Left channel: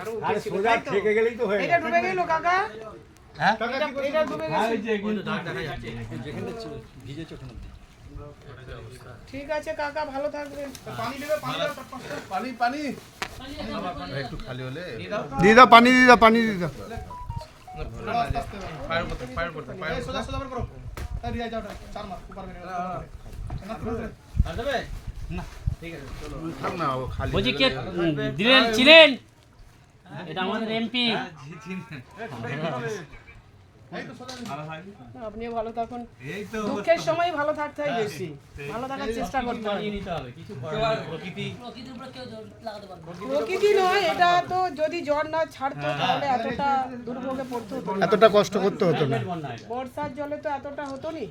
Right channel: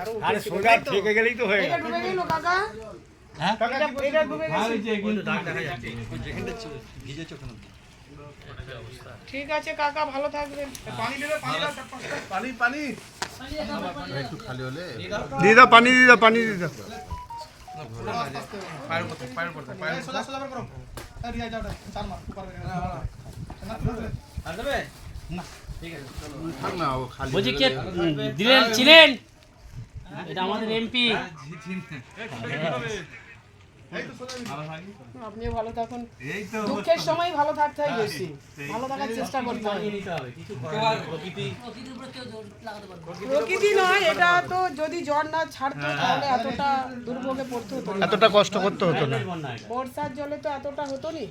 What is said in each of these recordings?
আরও আরে সোজা থেকে গেলেই তো হয়ে এটা ডুবে গেল কাকা। হ্যাঁ? এটা ডুবে গেছে ঠিক আছে কাকা ভালো থাকবেন। পানি পানি একটু খালি হলে দিয়ে দাও পানি দিয়ে দাও। পানি দিয়ে দাও সোজা সোজা বের করো। এই যাও চার মাস উপর বের থাক না খালি বলছি কে দিলেন ছিলেন? এটা আমাদের এমপি আপনিও ভালো থাকুন। দুঃখের সময়। ভালো থাকতে হয় বেশি। ভালো থাকার চেষ্টা করতে হয়। প্রকৃতি নয় এটা তো যদি জ্বর না ছাড়তো তাহলে এতটা দুর্ভোগে পড়তে হতো এতটা কষ্ট করতে হতো না। বর্ষার জলে তো এতটা হতো নি।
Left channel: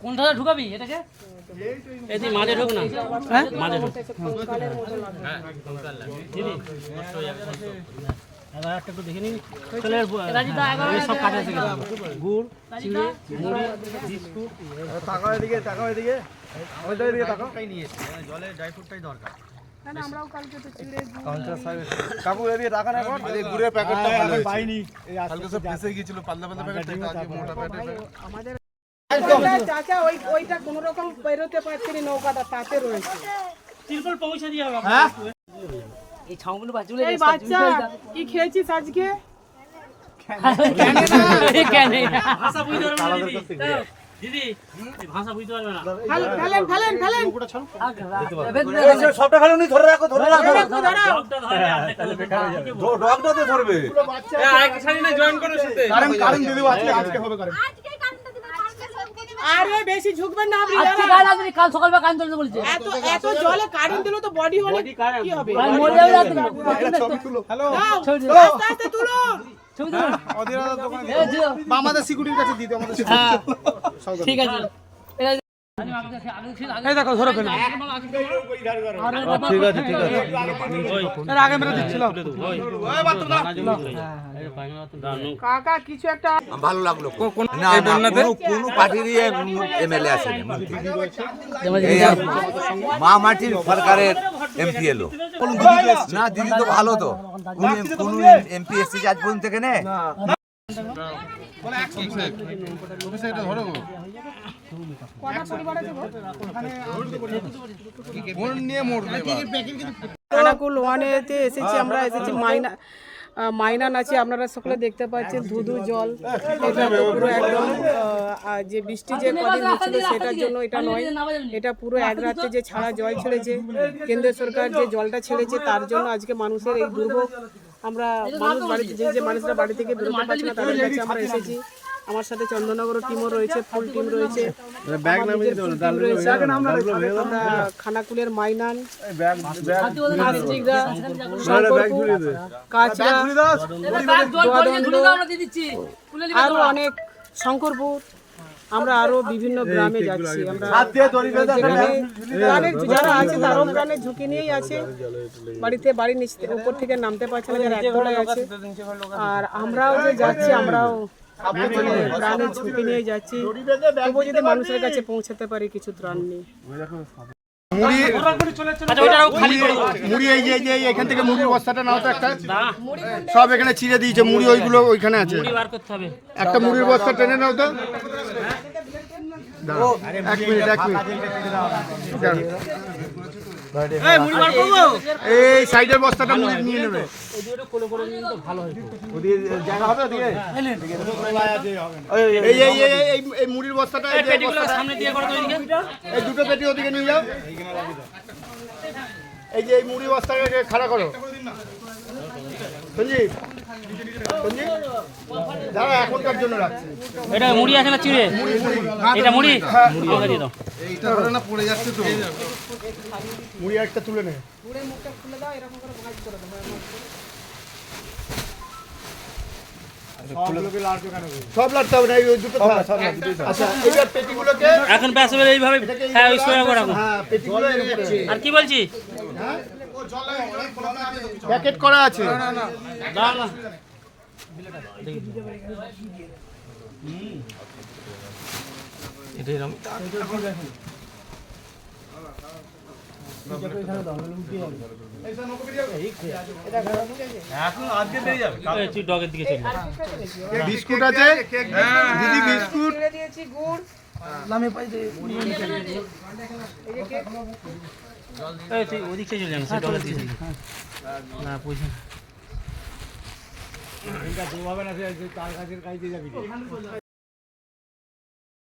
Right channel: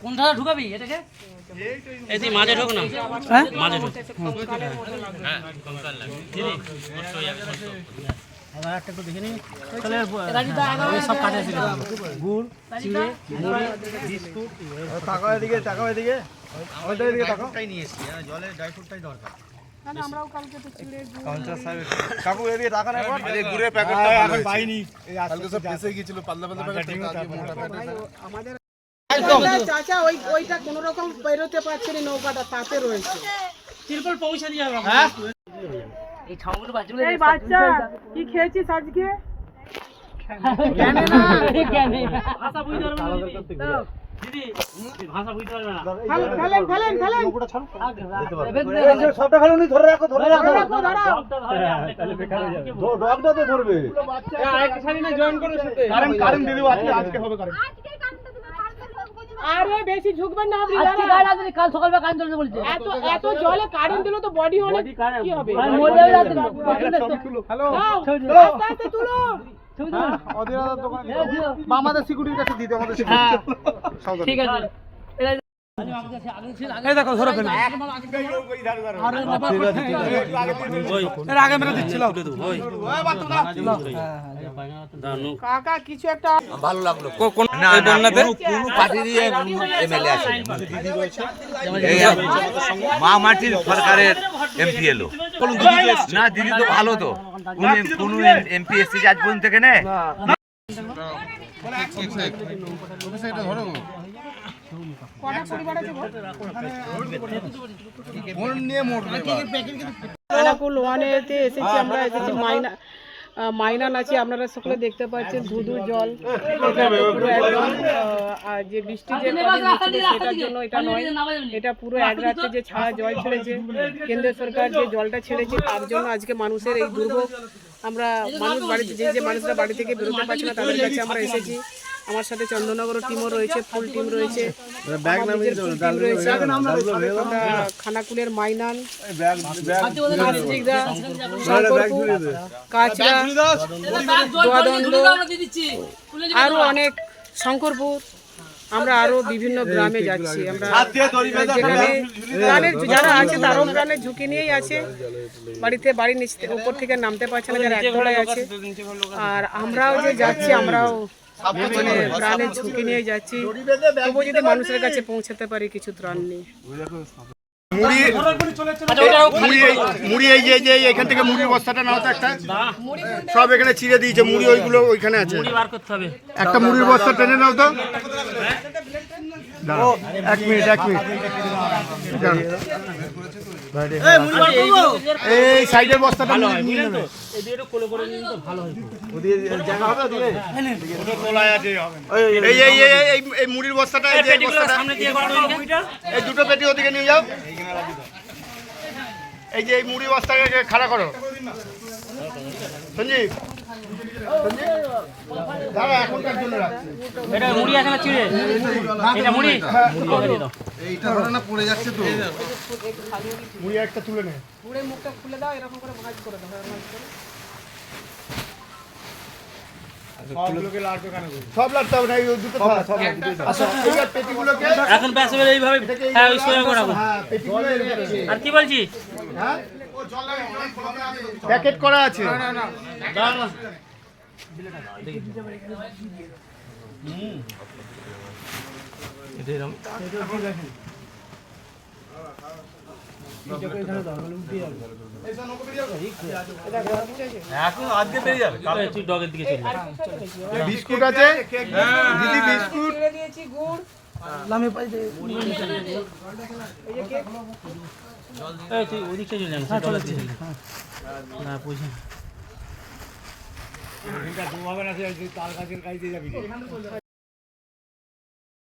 কোনটা ঢুকাবি এটাকে? এই যে মাঝে ঢুক না হ্যাঁ মাঝে ঢোক আবার ঢুক কঙ্কালের মতো লাগবে। সব কাজে আছে গুড় চিড়ে তাকাও এদিকে তাকাও এদিকে ওটাই এদিকে না, না, কালকে তো চিড়ে গুড় কাকু এদিকে একবার এই গুড়ের প্যাকেটটা এখন পাইনি কালকে সব ফেসে গিয়েছিল পাতলা পাতলা প্যাকেট মোটা প্যাকেট আমাদের চাচা ওই ওইটা কোন রকম বেরোতে পারছে না নৌকাটা তাতে রয়েছে তিরপল পৌঁছে দিয়ে এই ছাউগুলো বাজুলে এই বাচ্চা কি খেয়েছিস আজকে কেন ভাষা বুঝতে পারবে দিদি ভাষা বুঝতে পারবে না ফেলেন ফেলেন ফেলেন সবটা ফেলে ধরে রাখো ধরে রাখো রাখো, দাঁড়াও। ডগটা ধরে আপনি ডগটা তো ধরবে কারেন্ট কারেন্ট দিদি আজকে আজকে হবে কারেন্ট আরে বেশি ঝুঁকবেন না আপনি আজকে গাড়ি আসবে কাল সকালবেলা কান তুলতে বলছে। এত এত জলে কারেন্ট দিলে তো বডি হলে কি হবে? আর মরে যাবে রাতে হ্যালো দাও, ছবি তুলো। আস্তে আস্তে তুলো ছবি তুলো। অধীরদার দোকান। এই যে, বা আমাদের সিকিউরিটির কাছে দিতে আমাদের হ্যাঁ, সিকিউরিটি ঠিক আছে। এই দেখো ধরো কেন ঠিক আছে ঠিক আছে। এর আগে মেরে দিচ্ছিল। কাকা কিছু একটা ভালো লাগল। না না কোনো কোনো পার্টিরই এমএলএ এই মা মাটির সরকারের এমপি এলো। না দিদি তো ভালো তো। কোন কোন এমপি এসেছে আজ পর্যন্ত থেকে নে? খানাকুল ওয়ানেতে এসেছি আমরা এসেছি মাইনা আহ, মাইনা নাচে আপনারা সকলে দেখতে পাচ্ছেন ধুধু জল। এটা পুরো একদম যে বৃষ্টি যে কদিন হচ্ছিল সেটার জন্য এটা নয়। এটা পুরো এক রাত্রে যে ছাড়া জল ছেড়েছে কেন্দ্র সরকার যে জলটা ছেড়েছে তার জন্য আজকে মানুষের এই দুর্ভোগ। আমরা মানুষ বাড়িতে যে যে মানুষরা বাড়ি থেকে বেরোতে পারছে না তাদের কাছে আমরা এসেছি। আমার সাথে চন্দননগর টিমও রয়েছে ফুল টিম রয়েছে। আমার রয়েছে আমরা খানাকুলের মাইনান কাচরা দোয়াদণ্ড আরও অনেক শঙ্করপুর আমরা আরও বিভিন্ন গ্রামে যাচ্ছি। আমরা যেখানে প্রাণের যারা আছে তারাও প্রাণের ঝুঁকি নিয়েই আছে। বাড়িতে বাড়ির নিচ উপর থেকে নামতে পারছে না যারা একতলায় আছে। আর আমরাও যে যাচ্ছি আমরাও মানে প্রাণের ঝুঁকি নিয়ে যাচ্ছি তবুও যদি মানুষের কাছে পৌঁছাতে পারি কিছু ত্রাণ নেই মুড়ি এই যে যে এখান থেকে মুড়ির বস্তাটা নাও তো একটা সব এখানে ছিঁড়ে দিয়েছে মুড়ি ওইগুলো ওইখানে আছে বার করতে হবে একটা মুড়ির বস্তা টেনে নাও তো এক মিনিট এক মিনিট এই সাইডের বস্তাটা নিয়ে নেবে। এই এই এই এই- এই এই মুড়ির বস্তাটা এই যে এই বস্তাটা। এই দুটো পেটি ওদিকে নিয়ে যাও। এই যে এই মুড়ি বস্তাকে খাড়া করো। সঞ্জীব দাঁড়া এখনকার জন্য রাখছি। এটা মুড়ি আছে না চিড়ে? এটা মুড়ি? এইটা ধরে না পড়ে যাচ্ছে তো। মুড়ি একটা তুলে নেবে পুড়ে মুখটা খুলে দাও এরকম করে ভাঁজ করে দাও ভাঁজ করে। সব লাগতে হবে না এই ওই দুটো থাক, সব লাগবে। আচ্ছা পেটিগুলোকে এখন ব্যাস এইভাবে হ্যাঁ হ্যাঁ। আর কি বলছি? হ্যাঁ? প্যাকেট করা আছে। তুই ডগের দিকে চলে। যা। বিস্কুট আছে? বিস্কুট। দিয়েছি গুড়। এই তুই ওদিক থেকে চলে যাস ডগের দিকে চলে যা। না বুঝি এই